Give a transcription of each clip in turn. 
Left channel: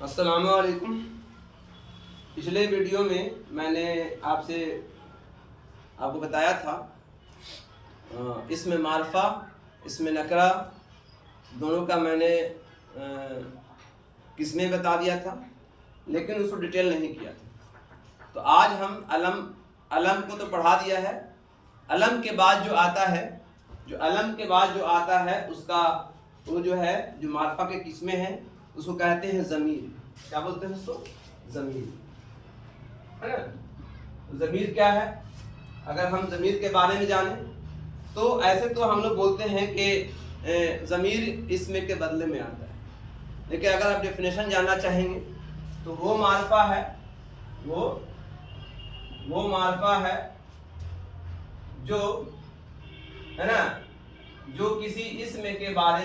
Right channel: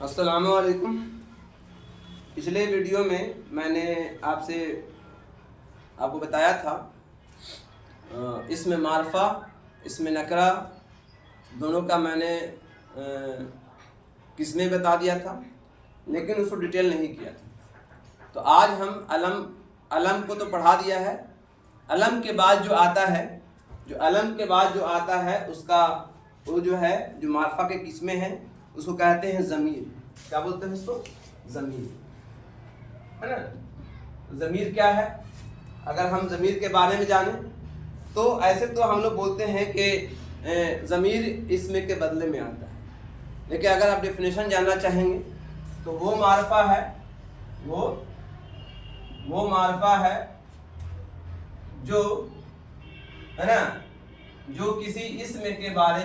अस्सलामु अलैकुम। पिछले वीडियो में मैंने आपको बताया था इसमें मारफा इसमें नकरा दोनों का मैंने किस्में बता दिया था, लेकिन उसको डिटेल नहीं किया था। तो आज हम अलम को तो पढ़ा दिया है। अलम के बाद जो आता है उसका वो जो है जो मारफा के किस्में हैं उसको कहते हैं ज़मीर। क्या बोलते हैं उसको? ज़मीर, है ना। ज़मीर क्या है? अगर हम ज़मीर के बारे में जाने तो ऐसे तो हम लोग बोलते हैं कि ज़मीर इसम के बदले में आता है, लेकिन अगर आप डेफिनेशन जानना चाहेंगे तो वो मारफा है जो है ना, जो किसी इसम के बारे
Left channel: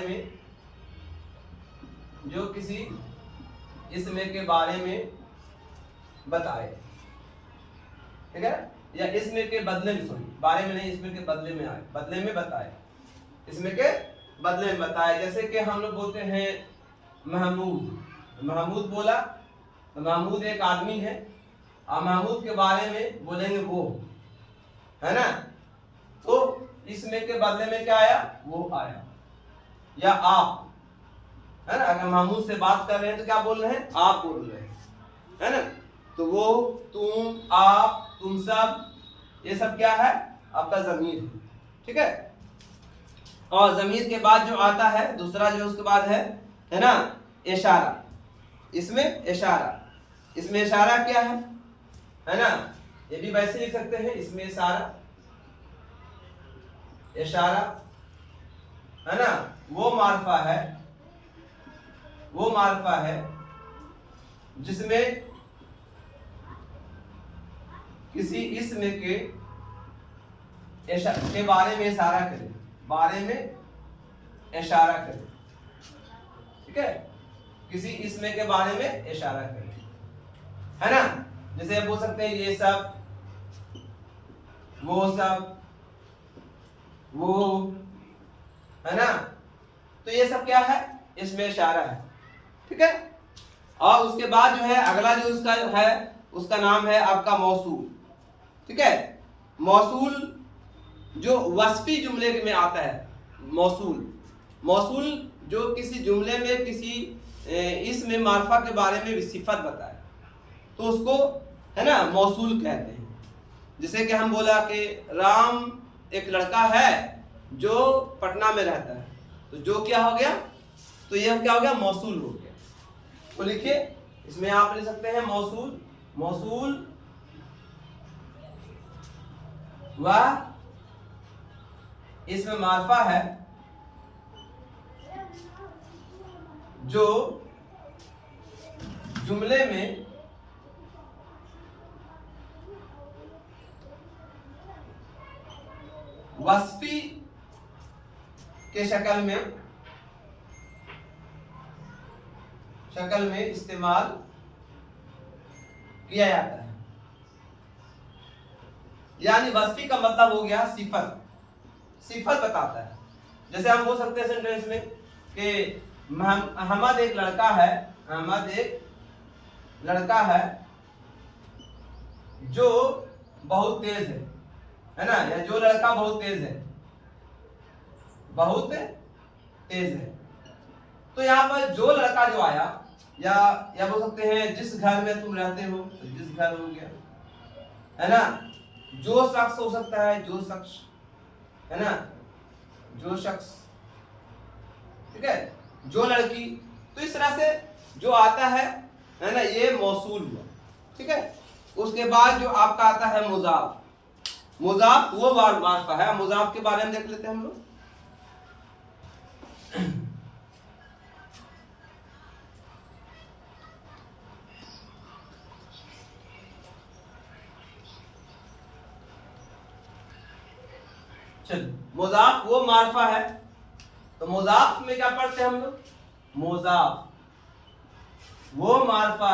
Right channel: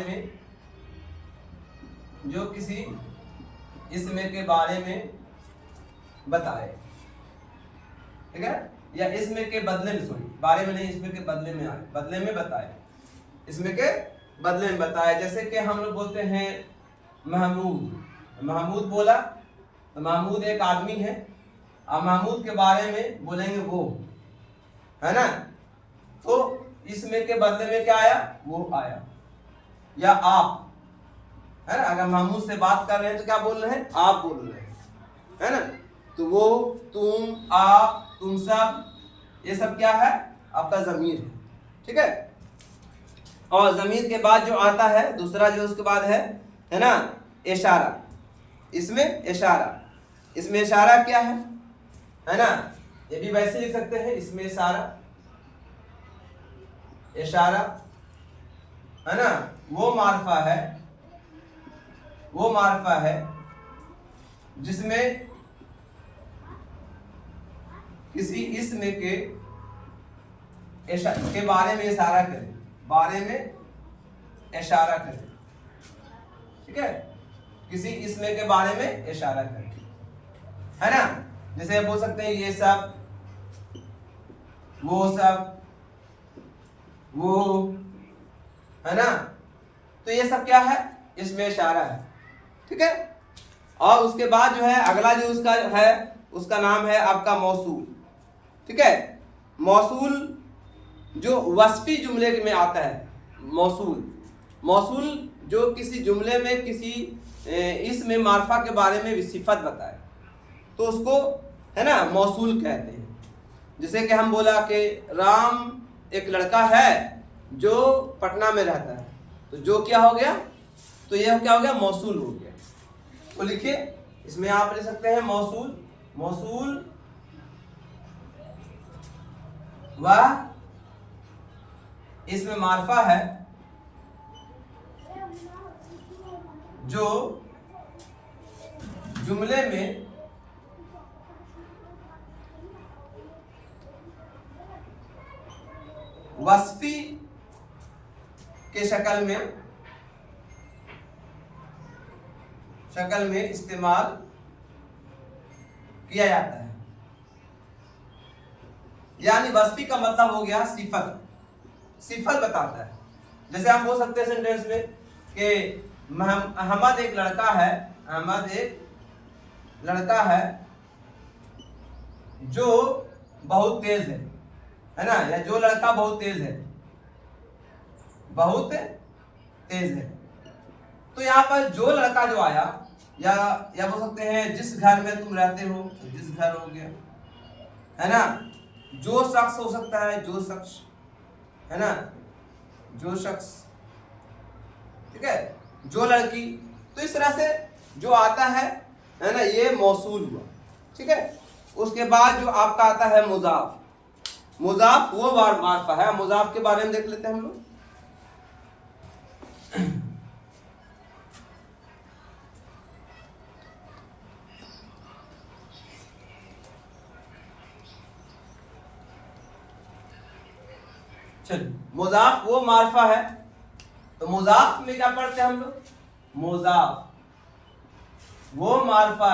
में बताए, ठीक है, या इसमें के बदले में, बारे में नहीं, इसमें के बदले में आए, बदले में बताए, इसमें के बदले में बताए। जैसे कि हम लोग बोलते हैं महमूद बोला तो महमूद एक आदमी है, और महमूद के बारे में बोलेंगे वो, है ना, तो इसमें के बदले में क्या आया? वो आया। या आप, है ना, अगर महमूद से बात कर रहे हैं तो क्या बोल रहे हैं? आप बोल रहे हैं, है ना। तो वो, तुम, आप, तुम सब, ये सब क्या है? आपका ज़मीर है, ठीक है। और ज़मीर के बाद जो आता है दूसरा, जो उसके बाद है ना, इशारा। इसमें इशारा क्या है ना, ये भी वैसे लिख सकते हैं, इसमें इशारा, है ना, वो मारफा है जिसमें किसी इसम के बारे में इशारा करें, ठीक है, किसी इसम के बारे में इशारा करें, है ना। जैसे बोल सकते हैं ये सब, वो सब, वो, है ना। तो ये सब क्या है? इसमें इशारा है, ठीक है। और उसके बाद जो है अगला जो उसका है उसका नाम है आपका मौसूल, ठीक है। मौसूल जो वस्फी जुमले में आता है, मौसूल जो किसी जुमले में किसी इसमें मारफा के बारे में सिफत बताए तो उसको, है ना, मौसूल कहते हैं। जैसे कि हम बोला कि राम एक लड़का है जो पटना में रहता है, तो जो क्या हो गया? तो यह क्या हो गया? मौसूल हो गया। तो लिखिए, इसमें आप लिख सकते हैं मौसूल वह इसमें मारफा है जो जुमले में वस्फी के शक्ल में इस्तेमाल किया जाता है। यानी वस्फी का मतलब हो गया सिफत बताता है। जैसे हम बोल सकते हैं सेंटेंस में कि अहमद एक लड़का है जो बहुत तेज है ना, या जो लड़का बहुत तेज है। तो यहाँ पर जो लड़का जो आया, या बोल सकते हैं जिस घर में तुम रहते हो, तो जिस घर हो गया, है ना। जो शख्स हो सकता है, जो शख्स, है ना, जो शख्स, ठीक है, जो लड़की। तो इस तरह से जो आता है ना, ये मौसूल हुआ, ठीक है। उसके बाद जो आपका आता है मुजाफ वो मारफा है। मुजाफ के बारे में देख लेते हैं हम लोग। चल, मुजाफ वो मारफा है, तो मुजाफ में क्या पढ़ते हैं हम लोग? मुजाफ वो मारफा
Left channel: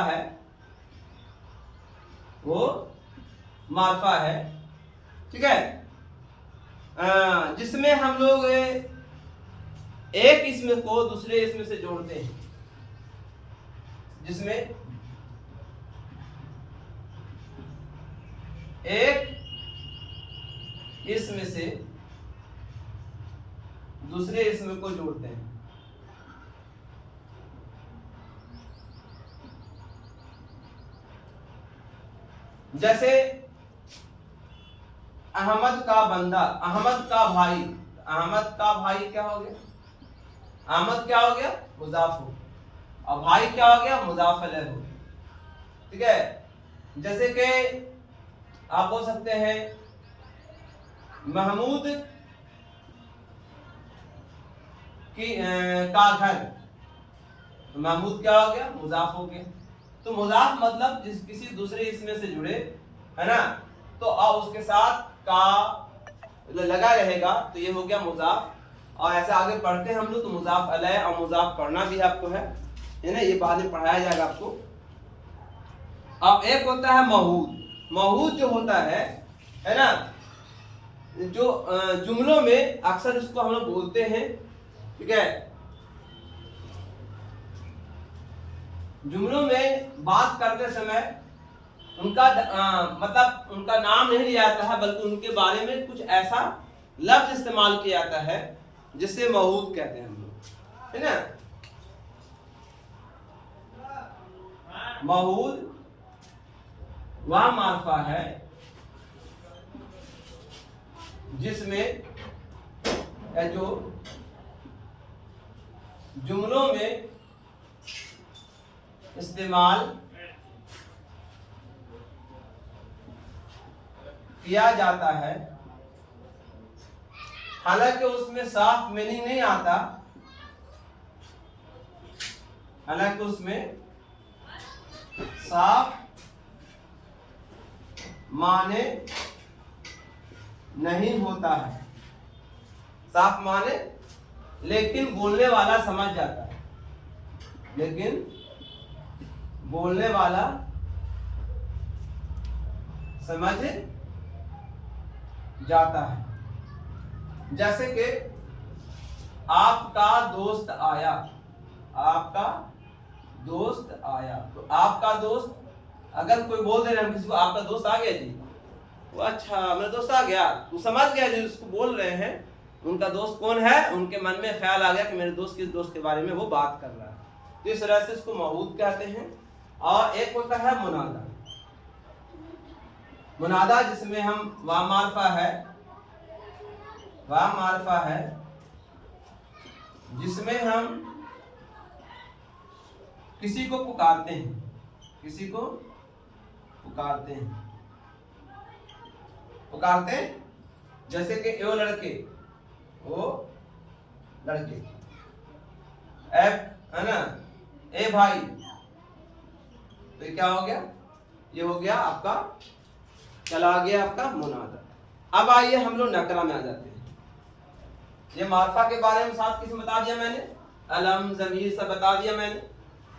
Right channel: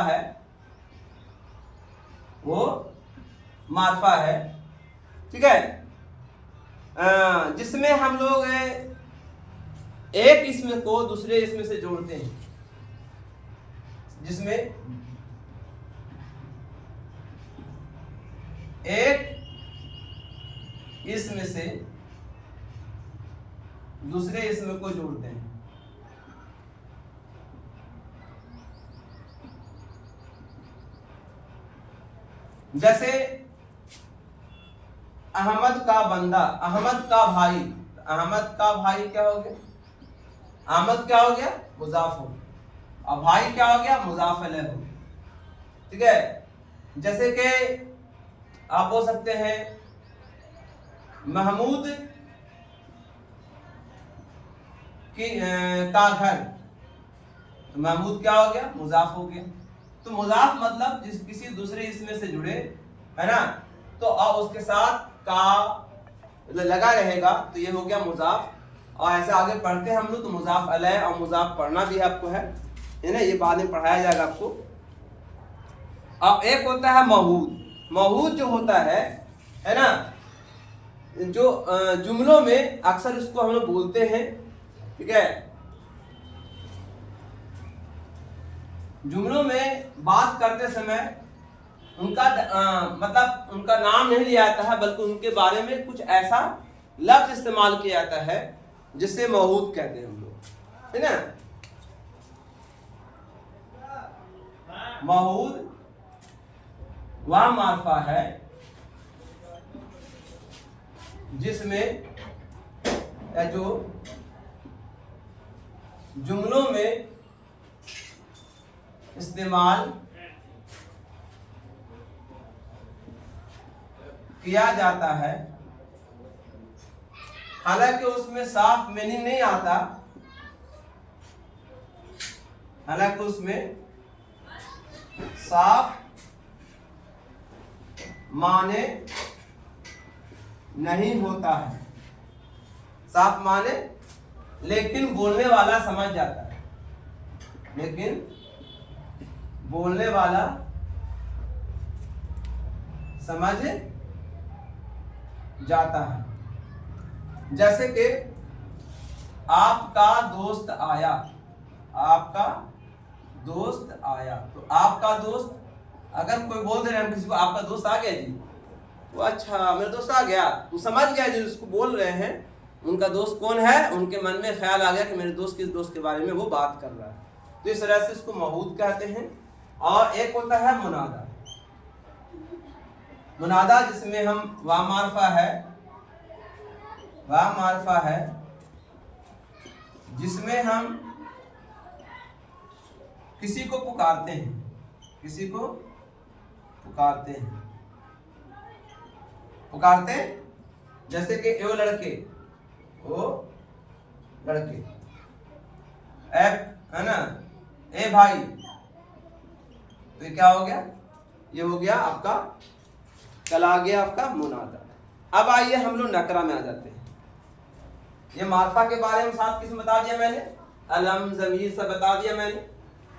है, ठीक है, जिसमें हम लोग एक इसम को दूसरे इसम से जोड़ते हैं। जिसमें एक इसम से दूसरे इसम को जोड़ते हैं। जैसे अहमद का बंदा, अहमद का भाई। अहमद का भाई क्या हो गया? अहमद क्या हो गया? मुजाफ हो, और भाई क्या हो गया? मुजाफ अलैह हो। ठीक है। जैसे कि आप बोल सकते हैं महमूद की का घर, तो महमूद क्या हो गया? मुजाफ हो गया। तो मुजाफ मतलब जिस किसी दूसरे इसमें से जुड़े, है ना, तो अब उसके साथ का लगा रहेगा, तो ये हो गया मुजाफ। और ऐसे आगे पढ़ते हैं हम लोग, तो मुजाफ अलैह और मुजाफ पढ़ना भी आपको है ना, ये बाद में पढ़ाया जाएगा आपको। अब एक होता है महूद। महूद जो होता है ना, जो जुमलों में अक्सर इसको हम लोग बोलते हैं। ठीक है, जुमलों में बात करते समय उनका मतलब उनका नाम नहीं लिया जाता है, बल्कि उनके बारे में कुछ ऐसा लफ्ज इस्तेमाल किया जाता है जिससे महूद कहते हैं हम लोग, है ना। महूद वह मार्फा है जिसमें जो जुमलों में इस्तेमाल किया जाता है, हालांकि उसमें साफ मीनिंग नहीं आता, हालांकि उसमें साफ माने नहीं होता है, साफ माने, लेकिन बोलने वाला समझ जाता है, लेकिन बोलने वाला समझ जाता है। जैसे कि आपका दोस्त आया, आपका दोस्त आया, तो आपका दोस्त, अगर कोई बोल दे रहे हम किसी को आपका दोस्त आ गया जी, वो अच्छा मेरा दोस्त आ गया, वो समझ गया जी उसको बोल रहे हैं उनका दोस्त कौन है, उनके मन में ख्याल आ गया कि मेरे दोस्त किस दोस्त के बारे में वो बात कर रहा है, तो इस तरह से इसको महूद कहते हैं। और एक होता है मुनादा। मुनादा जिसमें हम वाह मारफा है, वाह मारफा है जिसमें हम किसी को पुकारते हैं, किसी को पुकारते हैं, पुकारते हैं, जैसे कि ए लड़के, ओ लड़के, ए है ना, ए भाई, तो ये क्या हो गया? ये हो गया आपका, चला गया आपका मुनादा। अब आइए हम लोग नकरा में आ जाते हैं। ये मारफा के बारे में 7 किस्म बता दिया मैंने, अलम ज़मीर सब बता दिया मैंने।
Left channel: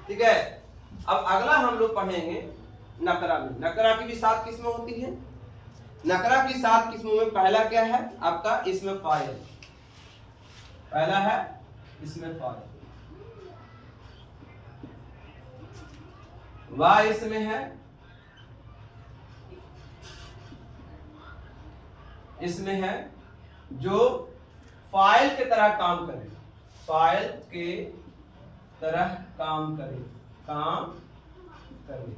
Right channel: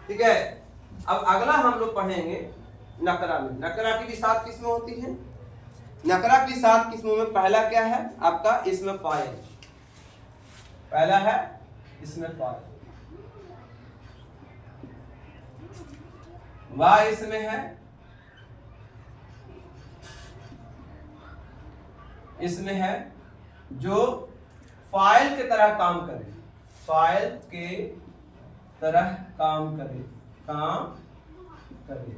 ठीक है, अब अगला हम लोग पढ़ेंगे नकरा में। नकरा की भी 7 किस्में होती हैं। नकरा की 7 किस्मों में पहला क्या है आपका? इसमें फाइल। पहला है इसमें फाइल, वाह इसमें है, इसमें है जो फाइल के तरह काम करे, फाइल के तरह काम करे, काम करे।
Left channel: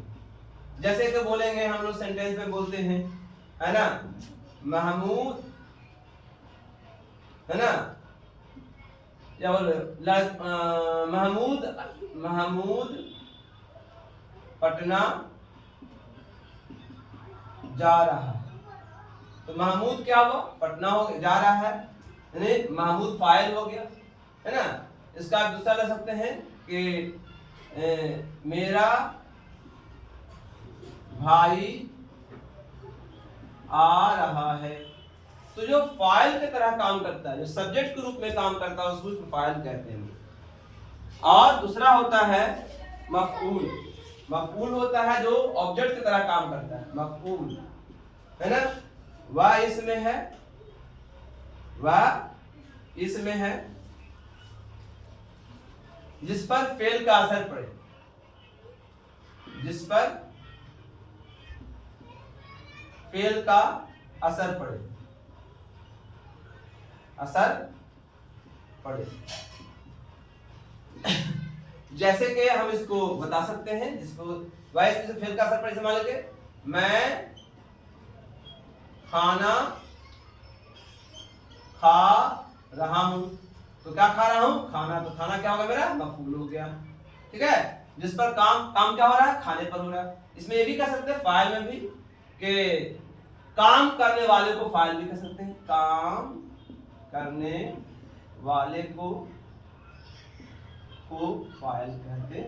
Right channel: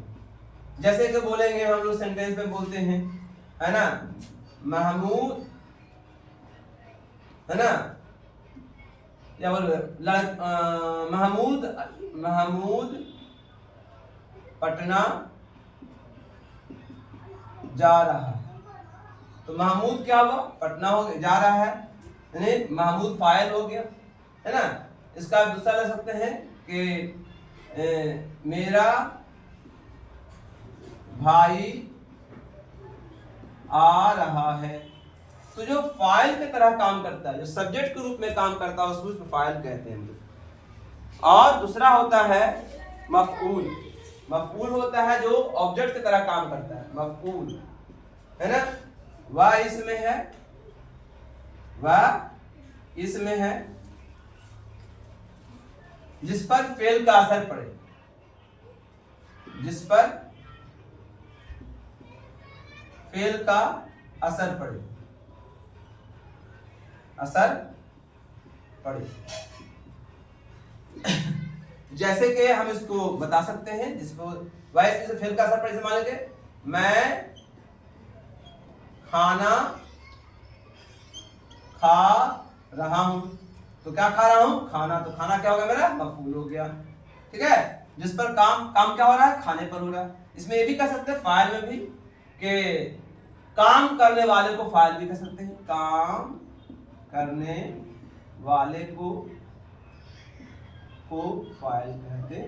जैसे कि बोलेंगे हम लोग सेंटेंस में बोलते हैं, है ना, महमूद, है ना, क्या बोल रहे, महमूद, महमूद पटना जा रहा है, तो महमूद क्या हुआ? पटना हो जा रहा है, यानी महमूद फाइल हो गया, है ना। इसका दूसरा ले सकते हैं कि मेरा भाई आ रहा है, तो जो फाइल की तरह काम करता है, जो सब्जेक्ट के रूप में काम करता है उसको फाइल कहते हैं। और दूसरा होता है मफऊल। मफऊल होता है जो ऑब्जेक्ट की तरह काम करता है, मफऊल, है ना। वह इसमें है, वह इसमें है जिस पर फेल का असर पड़े, जिस पर फेल का असर पड़े, असर पड़े। जैसे कि हम इसको बता सकते हैं, जिसको वैसे से फेल का असर पड़े, मान लीजिए मैं खाना खा रहा हूं, तो क्या खा रहा हूं? खाना। तो खाना क्या होगा मेरा? मफूल हो गया। ठीक है, जिस पर काम क्या हो रहा है? खाने पर हो रहा है। इसमें ये भी कह सकते हैं फाइल में भी कि काम करने वाले को फाइल भी कह सकते हैं, काम करने वाले को फाइल कहते।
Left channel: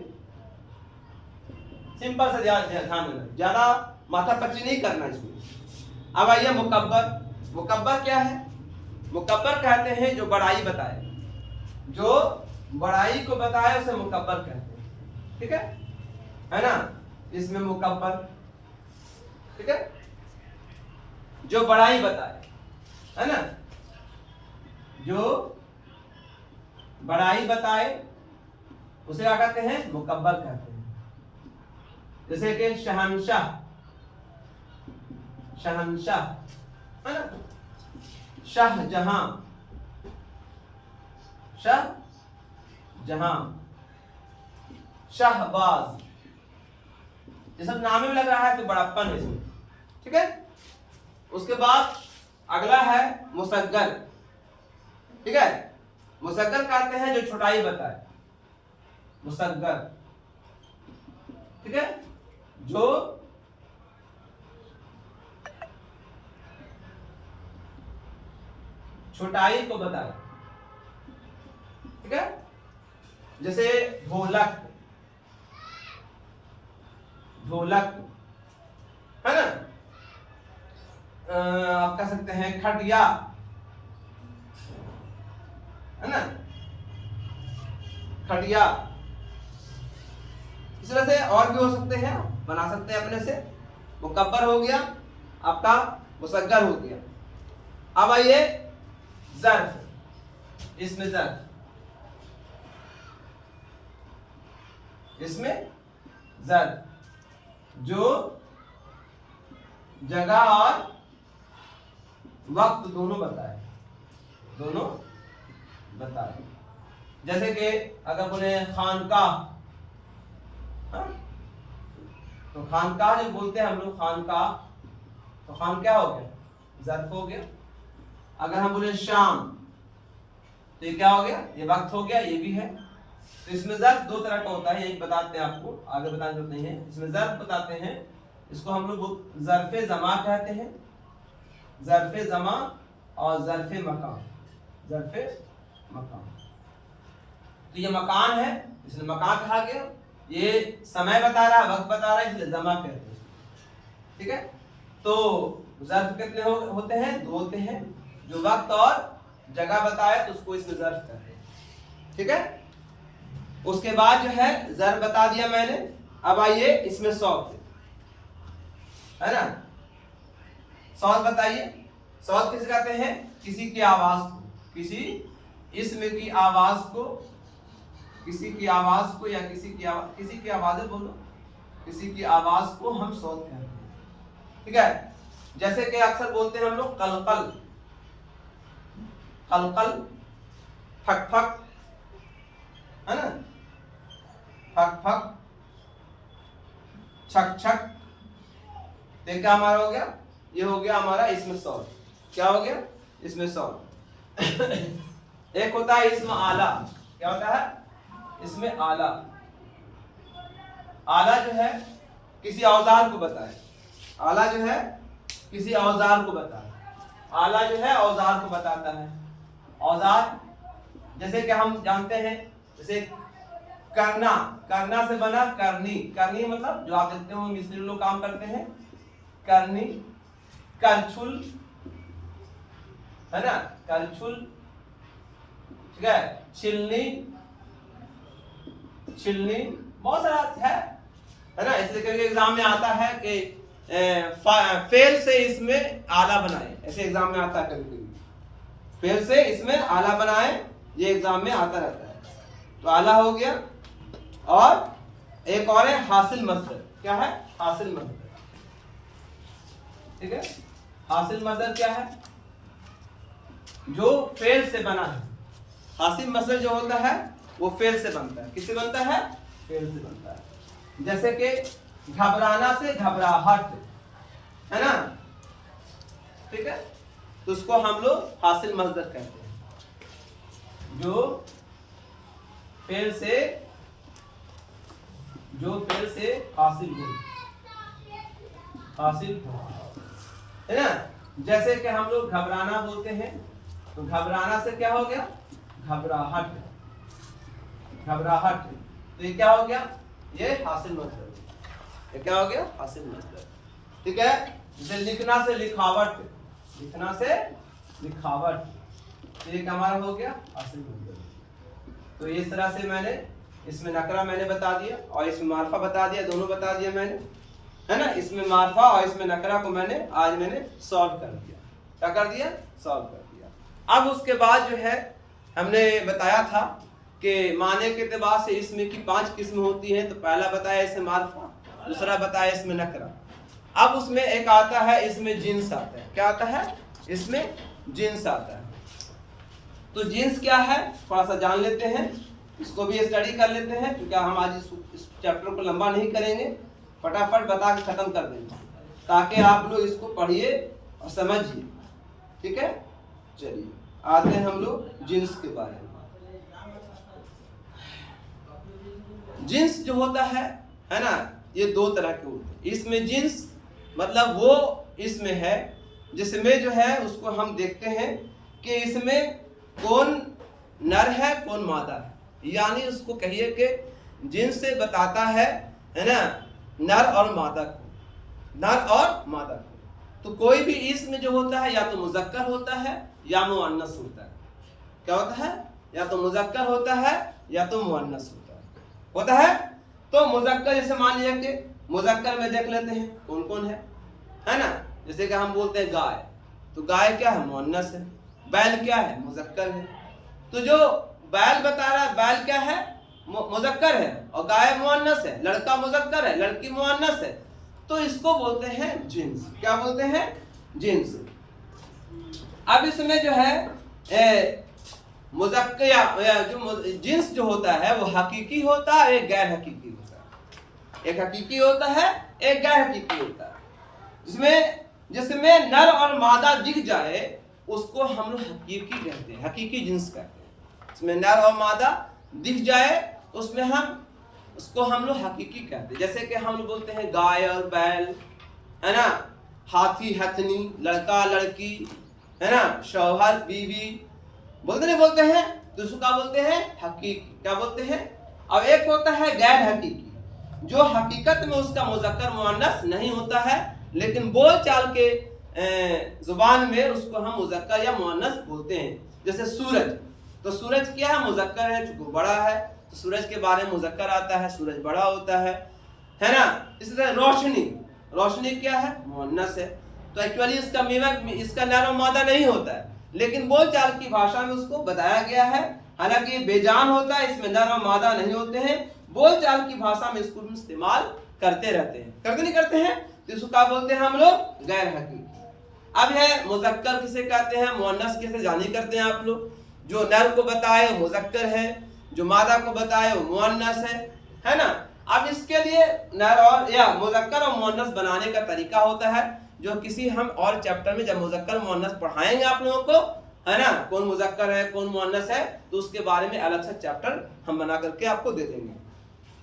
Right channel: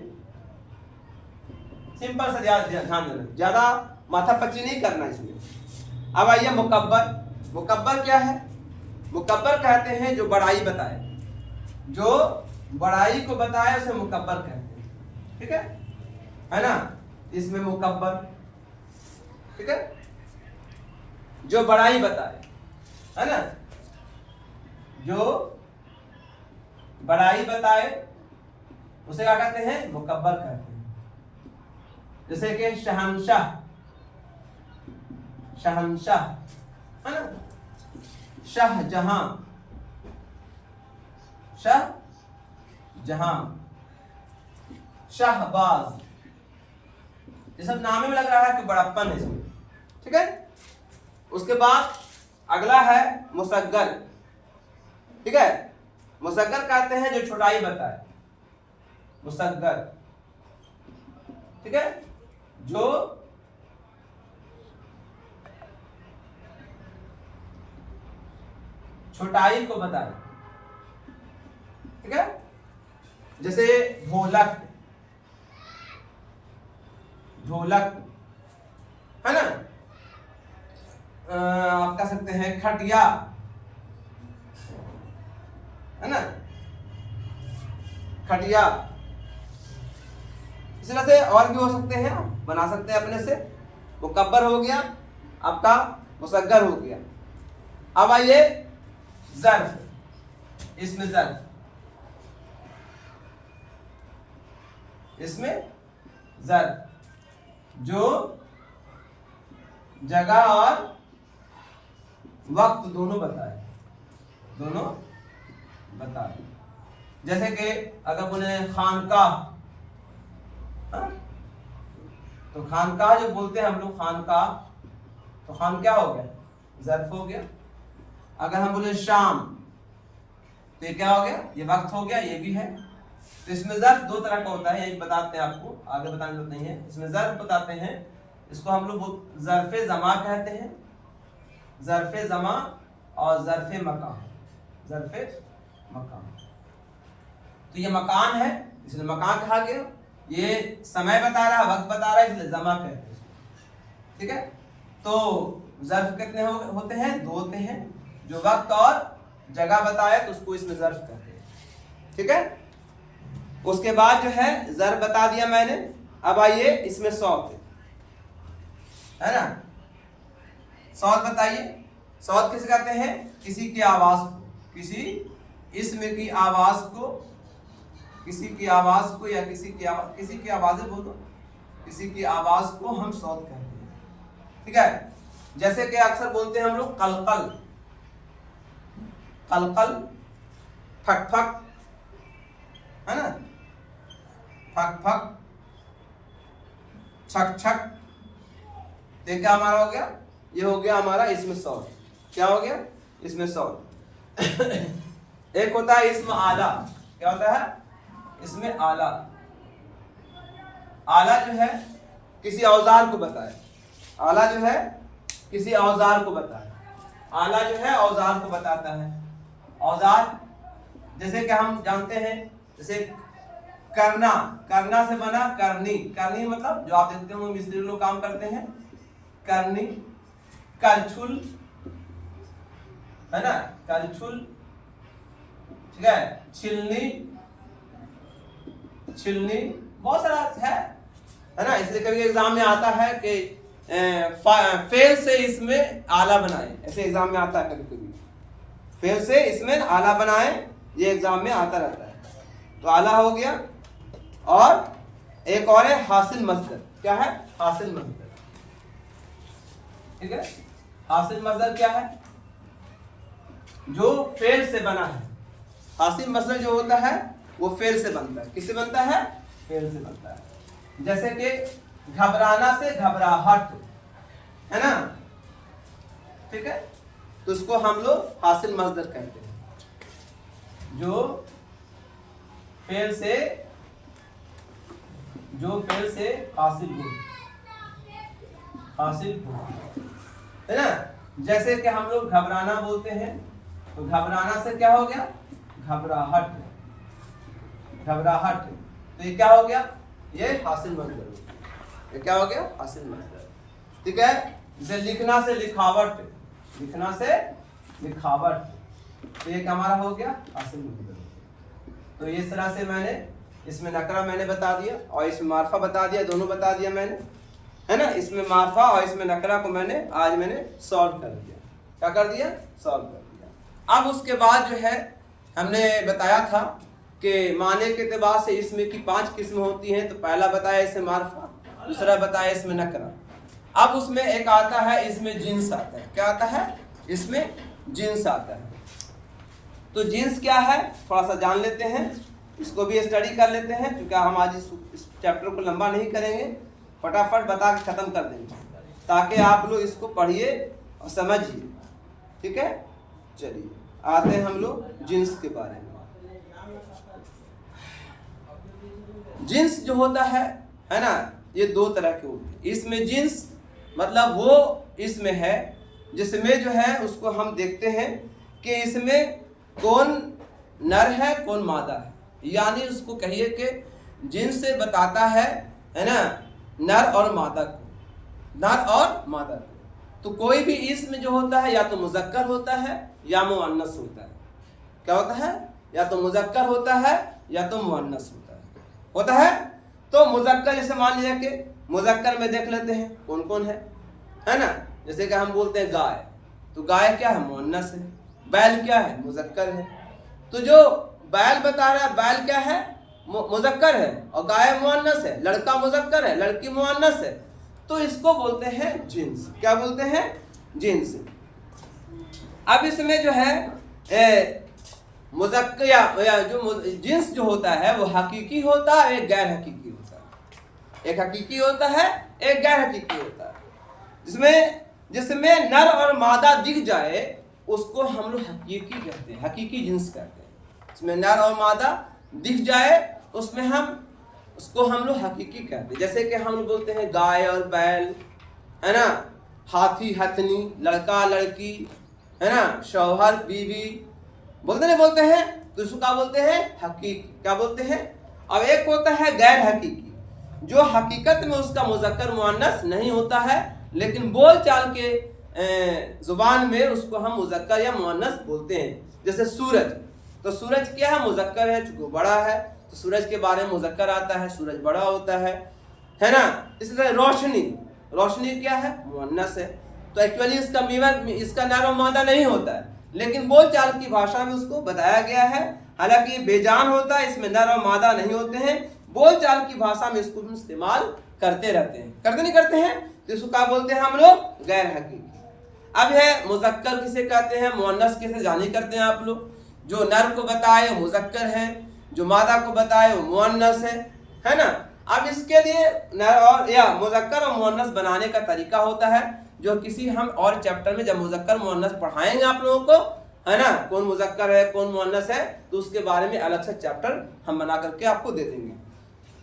सिंपल सा ध्यान देना, ज्यादा माथापच्ची नहीं करना इसमें। अब आइए मुकब्बर। मुकब्बर क्या है? मुकब्बर कहते हैं जो बड़ाई बताए, जो बड़ाई को बताए उसे मुकब्बर कहते हैं। ठीक है ना? इसमें मुकब्बर, ठीक है, जो बड़ाई बताए, है ना, जो बड़ाई बताए उसे क्या कहते हैं? मुकब्बर कहते हैं। जैसे कि शहंशाह, शहंशाह, है ना, शाहजहां, शाहजहां, शाहबाज, ये सब नाम में लग रहा है कि बड़प्पन है इसमें। ठीक है, उसके बाद अगला है मुसग्गर। ठीक है, मुसग्गर कहते हैं जो छोटाई बताए, मुसग्गर। ठीक है, जो छोटाई को बताए। ठीक है, जैसे ढोलक, ढोलक, है ना, आप कह सकते हैं खटिया, है ना, खटिया। इस तरह से और भी हो सकते हैं, बना सकते हैं अपने से। मुकब्बर हो गया आपका, मुसग्गर हो गया। अब आइए ज़र्फ। इसमें ज़र्फ, इसमें ज़र्फ जो जगह और वक्त दोनों बताए, दोनों बताए। जैसे कि अगर बोले खानकाह, तो खानकाह जो बोलते हैं हम लोग, खानकाह, तो खान क्या हो गया? ज़र्फ हो गया। अगर हम बोले शाम, तो ये क्या हो गया? ये वक्त हो गया, ये भी है। तो इसमें ज़र्फ दो तरह का होता है, एक बताते हैं आपको, आगे बताने की जरूरत नहीं है। इसमें ज़र्फ बताते हैं, इसको हम लोग ज़र्फ़े ज़मा कहते हैं, ज़र्फ़े ज़मा और ज़र्फ़े मकान, ज़र्फ़े मकान। तो ये मकान है, इसलिए मकान कहा गया। ये समय बता रहा है, वक्त बता रहा है, इसलिए ज़मा कहते हैं। ठीक है, तो ज़र्फ कितने होते हैं? दो होते हैं। जो वक्त और जगह बताए तो उसको इसमें ज़र्फ कहते हैं। ठीक है, उसके बाद जो है ज़र्फ बता दिया मैंने। अब आइए इसमें सौत, है ना, सौत बताइए। सौत किसे कहते हैं? किसी की आवाज को, किसी इसम की आवाज को, किसी की आवाज को या किसी की आवाजें बोलो, किसी की आवाज को हम सौत कहते हैं। ठीक है, जैसे कि अक्सर बोलते हैं हम लोग कलकल, कलकल, फक फक, है ना, फक फक, छक छक। तो क्या हमारा हो गया? ये हो गया हमारा इसमें सौत। क्या हो गया? इसमें सौत। एक होता है इसमें आला। क्या होता है? इसमें आला। आला जो है किसी औजार को बताए, आला जो है किसी औजार को बताए। आला जो है औजार को बताता है। औजार जैसे कि हम जानते हैं, जैसे करना, करना से बना करनी। करनी मतलब जो आप देखते हो मिस्त्री लोग काम करते हैं, करनी। करछुल, है ना, करछुल। ठीक है, छिलनी, छिलनी, बहुत सारा है ना। इसलिए कभी एग्जाम में आता है कि फेल से इसमें आला बनाए, ऐसे एग्जाम में आता है कभी कभी। फेल से इसमें आला बनाए, ये एग्जाम में आता रहता है। तो आला हो गया। और एक और है हासिल मस्दर। क्या है? हासिल मस्दर। ठीक है, हासिल मस्दर क्या है? जो फेल से बना है। हासिल मस्दर जो होता है वो फेल से बनता है। किससे बनता है? फेल से बनता है। जैसे कि घबराना से घबराहट, है ना? ठीक है, तो उसको हम लोग हासिल मस्दर कहते हैं। जो फेल से हासिल हो, है ना? जैसे कि हम लोग घबराना बोलते हैं, तो घबराना से क्या हो गया? घबराहट। तो ये क्या हो गया? ये हासिल मस्दर हो गया। ये क्या हो गया? हासिल मस्दर। ठीक है, जैसे लिखना से लिखावट, तो ये हमारा हो गया हासिल मस्दर। तो इस तरह से मैंने इसमें नकरा मैंने बता दिया और इसमें मार्फा बता दिया, दोनों बता दिया मैंने, है ना? इसमें मार्फा और इसमें नकरा को मैंने सॉल्व कर दिया। क्या कर दिया? सॉल्व कर दिया। अब उसके बाद जो है हमने बताया था कि माने के एतबार से इसमें की 5 किस्म होती हैं। तो पहला बताया इसमें मार्फा, दूसरा बताया इसमें नकरा। अब उसमें एक आता है इसमें जिन्स आता है। क्या आता है? इसमें जिन्स आता है। तो जिन्स क्या है थोड़ा सा जान लेते हैं, इसको भी स्टडी कर लेते हैं, क्योंकि हम आज इस चैप्टर को लंबा नहीं करेंगे, फटाफट बता के खत्म कर देंगे ताकि आप लोग इसको पढ़िए और समझिए। ठीक है, चलिए आते हैं हम लोग जिन्स के बारे में। जिन्स जो होता है ना, ये 2 तरह के होते हैं। इसमें जिन्स मतलब वो इसमें है जिसमें जो है उसको हम देखते हैं कि इसमें कौन नर है कौन मादा है, यानी उसको कहिए कि जिन्स से बताता है ना, नर और मादा को। तो कोई भी इसमें जो होता है या तो मुज़क्कर होता है या मुअन्नस होता है। क्या होता है? या तो मुज़क्कर होता है या तो मुअन्नस होता है। तो मुज़क्कर जैसे मान लीजिए कि मुज़क्कर में देख लेते हैं कौन कौन है ना? जैसे कि हम बोलते हैं गाय, तो गाय क्या है? मुअन्नस है। बैल क्या है? मुज़क्कर है। तो जो बैल बता रहा है, बैल क्या है? मुज़क्कर है और गाय मुअन्नस है। लड़का मुज़क्कर है, लड़की मुअन्नस है। तो इसको बोलते हैं जिन्स। क्या बोलते हैं? जिन्स। अब इसमें जो है मुज़क्कर या जो जिन्स जो होता है वो हकीकी होता है, एक गैर हकीकी होता है। एक हकीकी होता है, एक गैर हकीकी होता है। जिसमें नर और मादा दिख जाए उसको हम लोग हकीकी कहते हैं, हकीकी जिन्स कहते हैं। इसमें नर और मादा दिख जाए उसमें उसको हम लोग हकीकी कहते हैं। जैसे कि हम लोग बोलते हैं गाय और बैल, है ना? हाथी हथनी, लड़का लड़की, है ना? शौहर बीवी, बोलते हैं। तो उसको क्या बोलते हैं? हकीकी। क्या बोलते हैं? अब एक होता है गैर हकीकी, जो हकीकत में उसका मुज़क्कर मुअन्नस नहीं होता है, लेकिन बोल चाल के जुबान में उसको हम मुज़क्कर या मुअन्नस बोलते हैं। जैसे सूरज, तो सूरज क्या है? मुज़क्कर है, चूंकि बड़ा है तो सूरज के बारे में मुज़क्कर आता है, सूरज बड़ा होता है ना? इसी तरह रोशनी क्या है? मुअन्नस है। तो एक्चुअली इसका नर और मादा नहीं होता है, लेकिन बोलचाल की भाषा में उसको बताया गया है। हालांकि बेजान होता है, इसमें नर और मादा नहीं होते हैं। बोलचाल की भाषा में इसको इस्तेमाल करते रहते हैं, करते नहीं करते हैं। तो इसको क्या बोलते हैं हम लोग? गैर हकीकी। अब है मुज़क्कर किसे कहते हैं, मुअन्नस किसे जानी करते हैं आप लोग। जो नर को बताए वो मुज़क्कर है, जो मादा को बताए वो मुअन्नस है ना? अब इसके लिए नर और या मुज़क्कर और मुअन्नस बनाने का तरीका होता है, जो किसी हम और चैप्टर में जब मुज़क्कर मुअन्नस पढ़ाएंगे आप लोगों को, है ना? कौन मुज़क्कर है कौन मुअन्नस है, तो उसके बारे में अलग से चैप्टर हम बना करके आपको दे देंगे।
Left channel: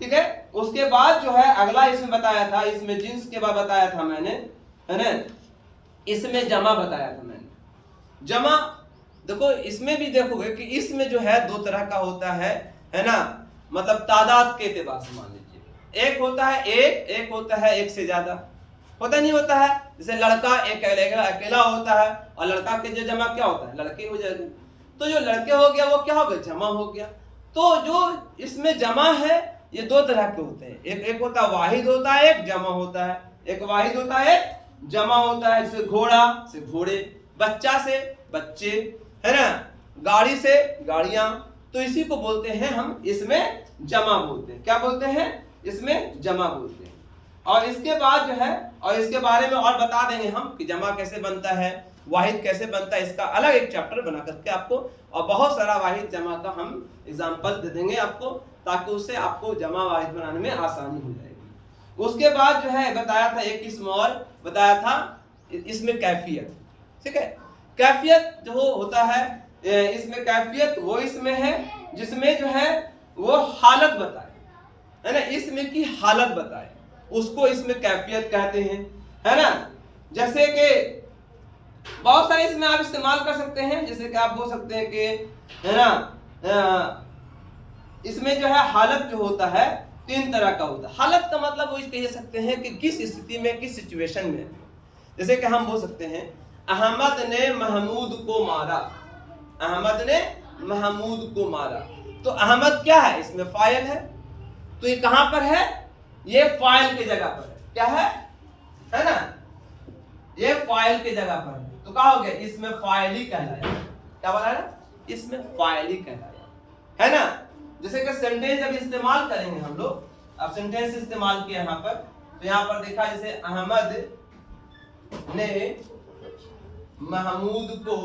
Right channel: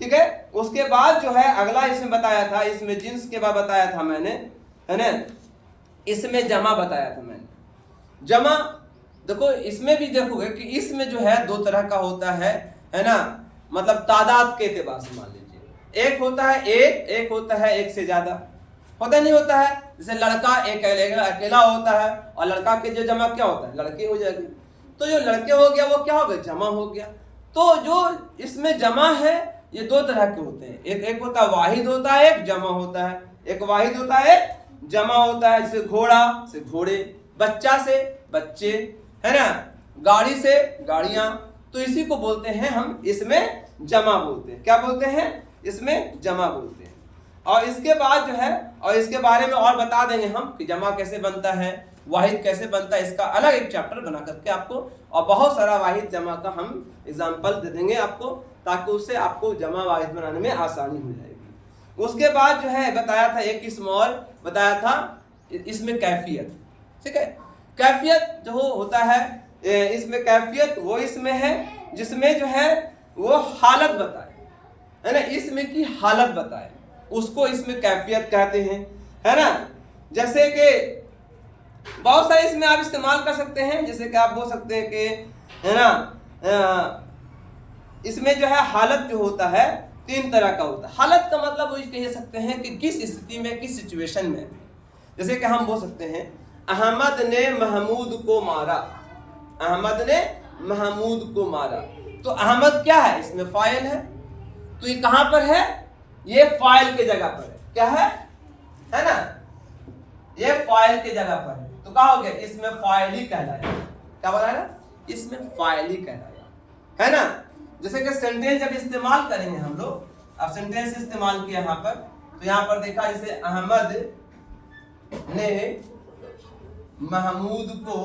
ठीक है, उसके बाद जो है अगला इसमें बताया था, इसमें जिन्स के बाद बताया था मैंने, है ना? इसमें जमा बताया था मैंने। जमा देखो, इसमें भी देखोगे कि इसमें जो है 2 तरह का होता है ना? मतलब तादाद के एतबार से मान लीजिए, एक होता है एक होता है एक से ज्यादा। होता नहीं होता है? जैसे लड़का एक अकेला होता है और लड़का के जो जमा क्या होता है? लड़के हो जाएंगे। तो जो लड़के हो गया वो क्या हो गया? जमा हो गया। तो जो इसमें जमा है ये 2 तरह के होते हैं, एक होता है वाहिद होता है, एक जमा होता है। एक वाहिद होता है, एक जमा होता है। जैसे घोड़ा से घोड़े, बच्चा से बच्चे, है ना? गाड़ी से गाड़ियां। तो इसी को बोलते हैं हम इसमें जमा बोलते हैं। क्या बोलते हैं? इसमें जमा बोलते हैं। और इसके बाद जो है, और इसके बारे में और बता देंगे हम कि जमा कैसे बनता है, वाहिद कैसे बनता है, इसका अलग एक चैप्टर बना करके आपको, और बहुत सारा वाहिद जमा का हम एग्जाम्पल दे देंगे आपको, ताकि उससे आपको जमा वाहिद बनाने में आसानी हो जाएगी। उसके बाद जो है बताया था, एक किस्म और बताया था इसमें कैफियत, ठीक है। कैफियत जो होता है इसमें, कैफियत वो इसमें है जिसमें जो है वो हालत बताए, है ना, इसमें की हालत बताए, उसको इसमें कैफियत कहते हैं, है ना। जैसे कि बहुत सारे इसमें आप इस्तेमाल कर सकते हैं, जैसे कि आप बोल सकते हैं कि, है ना, इसमें जो है हालत जो होता है 3 तरह का होता है। हालत का मतलब वो कह सकते हैं कि किस स्थिति में, किस सिचुएशन में। जैसे कि हम बोल सकते हैं अहमद ने महमूद को मारा, अहमद ने महमूद को मारा। तो अहमद क्या है, इसमें फाइल है, तो ये कहां पर है, ये फाइल के जगह पर है, क्या है ना, ये फाइल के जगह पर है, तो क्या हो गया, इसमें फाइल ही कहलाया। क्या बोला है, इसमें फाइल ही कहलाया, है ना। जैसे कि सेंटेंस जब इस्तेमाल करेंगे हम लोग, अब सेंटेंस इस्तेमाल किया यहाँ पर, तो यहाँ पर देखा जैसे अहमद ने महमूद को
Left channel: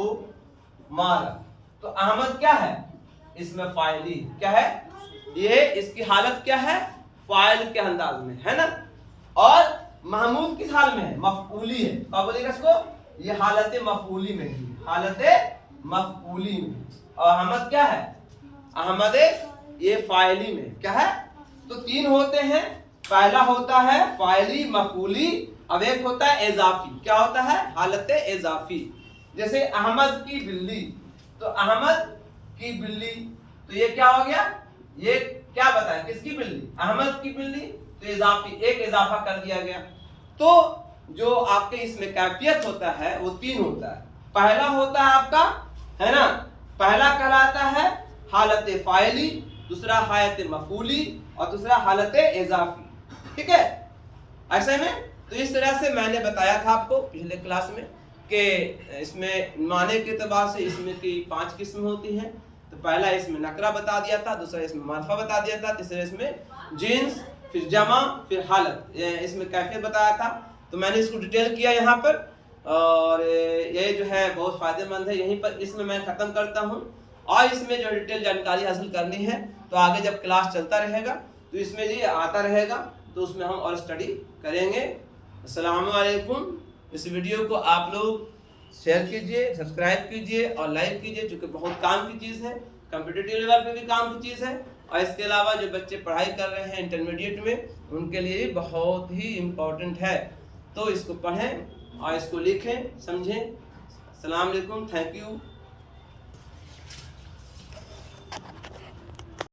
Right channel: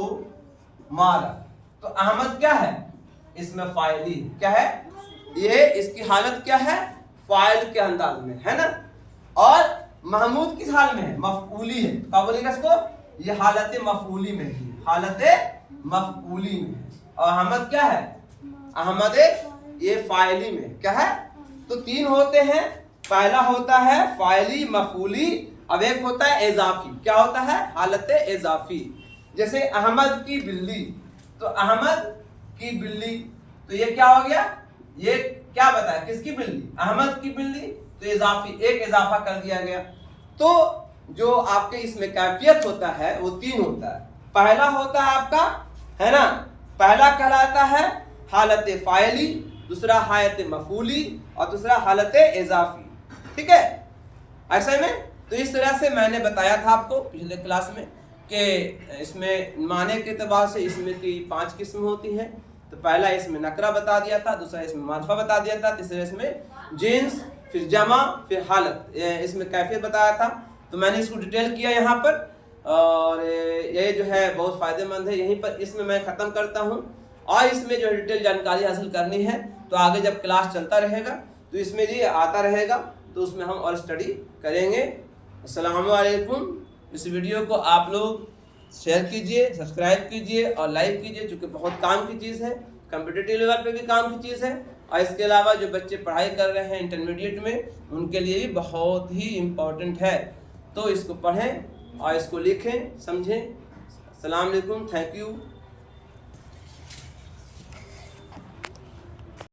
मारा, तो अहमद क्या है, इसमें फाइली, क्या है, ये इसकी हालत क्या है, फाइल के अंदाज में, है ना। और महमूद किस हाल में है, मफऊली है, क्या बोलेगा इसको, ये हालत मफऊली में है, हालत मफऊली में है। और अहमद क्या है, अहमद ये फाइली में, क्या है। तो 3 होते हैं, पहला होता है फाइली मफऊली, अब एक होता है इजाफी, क्या होता है, हालत इजाफी। जैसे अहमद की बिल्ली, तो अहमद की बिल्ली, तो ये क्या हो गया, ये क्या बताया, किसकी बिल्ली, अहमद की बिल्ली, तो इजाफी, एक इजाफा कर दिया गया। तो जो आपके इसमें कैफियत होता है वो 3 होता है। पहला होता है आपका, है ना, पहला कहलाता है हालत फाइली, दूसरा हालत मफूली, और दूसरा हालत इजाफी, ठीक है, ऐसे में। तो इस तरह से मैंने बताया था आपको पिछले क्लास में कि इसमें माने के एतबार से इसमें की 5 किस्म होती हैं। तो पहला इसमें नकरा बता दिया था, दूसरा इसमें मारफा बता दिया था, तीसरा इसमें जिन्स, फिर जमा, फिर हालत, इसमें कैफियत बताया था। तो मैंने इसको डिटेल किया यहाँ पर, और ये जो है बहुत फ़ायदेमंद है। यहीं पर इसमें मैं ख़त्म करता हूँ, और इसमें जो डिटेल जानकारी हासिल करनी है तो आगे जब क्लास चलता रहेगा तो इसमें जी आता रहेगा, तो उसमें हम और स्टडी करेंगे। अस्सलाम वालेकुम। इस वीडियो को आप लोग शेयर कीजिए, सब्सक्राइब कीजिए और लाइक कीजिए, चूँकि बहुत काम की चीज़ है, कम्पिटिटिव लेवल पे भी काम की चीज़ है, और इसके अलावा जो बच्चे पढ़ाई कर रहे हैं इंटरमीडिएट में, उनके लिए भी बहुत ही इम्पोर्टेंट है। तो इसको पढ़ें और इसको लिखें, समझें। अस्सलाम वालेकुम, थैंक यू।